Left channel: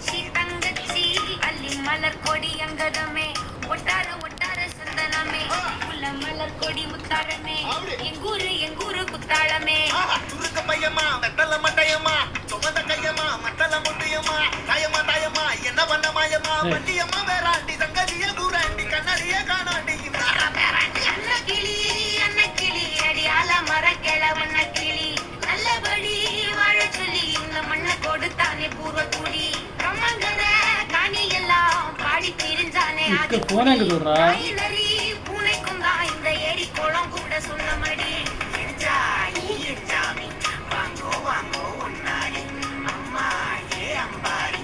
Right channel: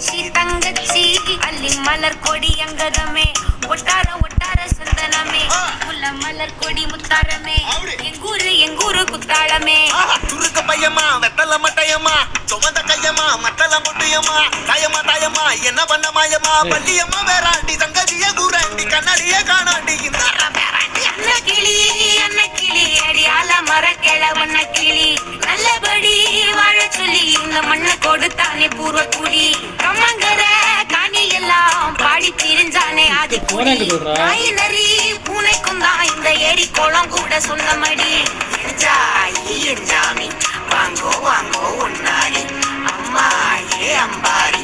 தங்கச்சி தங்கச்சி அள்ளி மலர் கொடி அங்கதமே ஒட்டார ஒட்டார சந்தனமே முல்ல மலர் கொடி முத்தாரமே எங்கூரு குத்தாளமே துருக்க பையமா வெத்தல மட்டையம்மா சுமந்த கையம்மா மட்டல முட்டையம்மா தாயம்மா தாயம்மா என்ன பண்ண மாயம்மா பள்ளியம்மா வேறாண்டி தங்கதிய கூறாண்டி கண்ணாடிய காணாண்டி அண்ண கிளி அடியால மர கிழவண்ண கிளி நல்லபடி வாழ சொல்லி இந்த மண்ணை கொடுத்தானே பூர்வ குடி கம்மங்கர காணி எல்லாம் பாடி திரிஞ்சானே அது நரி பூனைக்கும் தான் இந்த ஏரி குளம் கூட சொந்தமடி ஜாமி வாங்கோ வாங்கோ ஒன்னாடி அம்மா ஏ அம்பாரி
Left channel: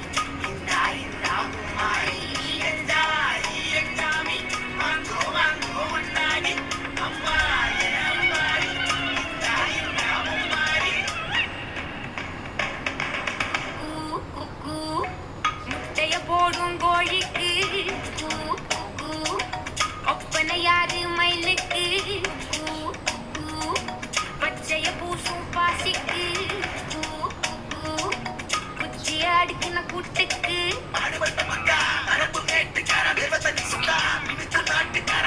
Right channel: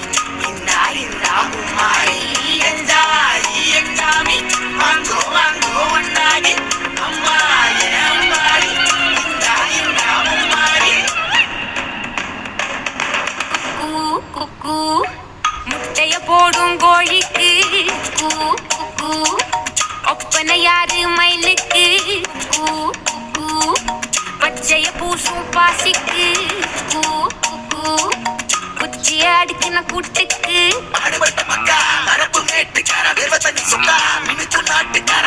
இந்தா இந்தா மும்மாரி ஜாமி வாங்கோ வாங்கோ ஒன்னாடி அம்மா ஏ அம்பாரி இந்தா இந்தா மும்மாரி குக்கு குக்கு முட்டைய போடும் கோழிக்கு குக்கு குக்கு ஒப்பனை யாரு மயிலுக்கு குக்கு குக்கு பச்சைய பூசும் பாசிக்கு குச்சிய அடுக்கின கூட்டுக்கு மக்கா அரப்பு மேட்டுக்கார நாட்டுக்கார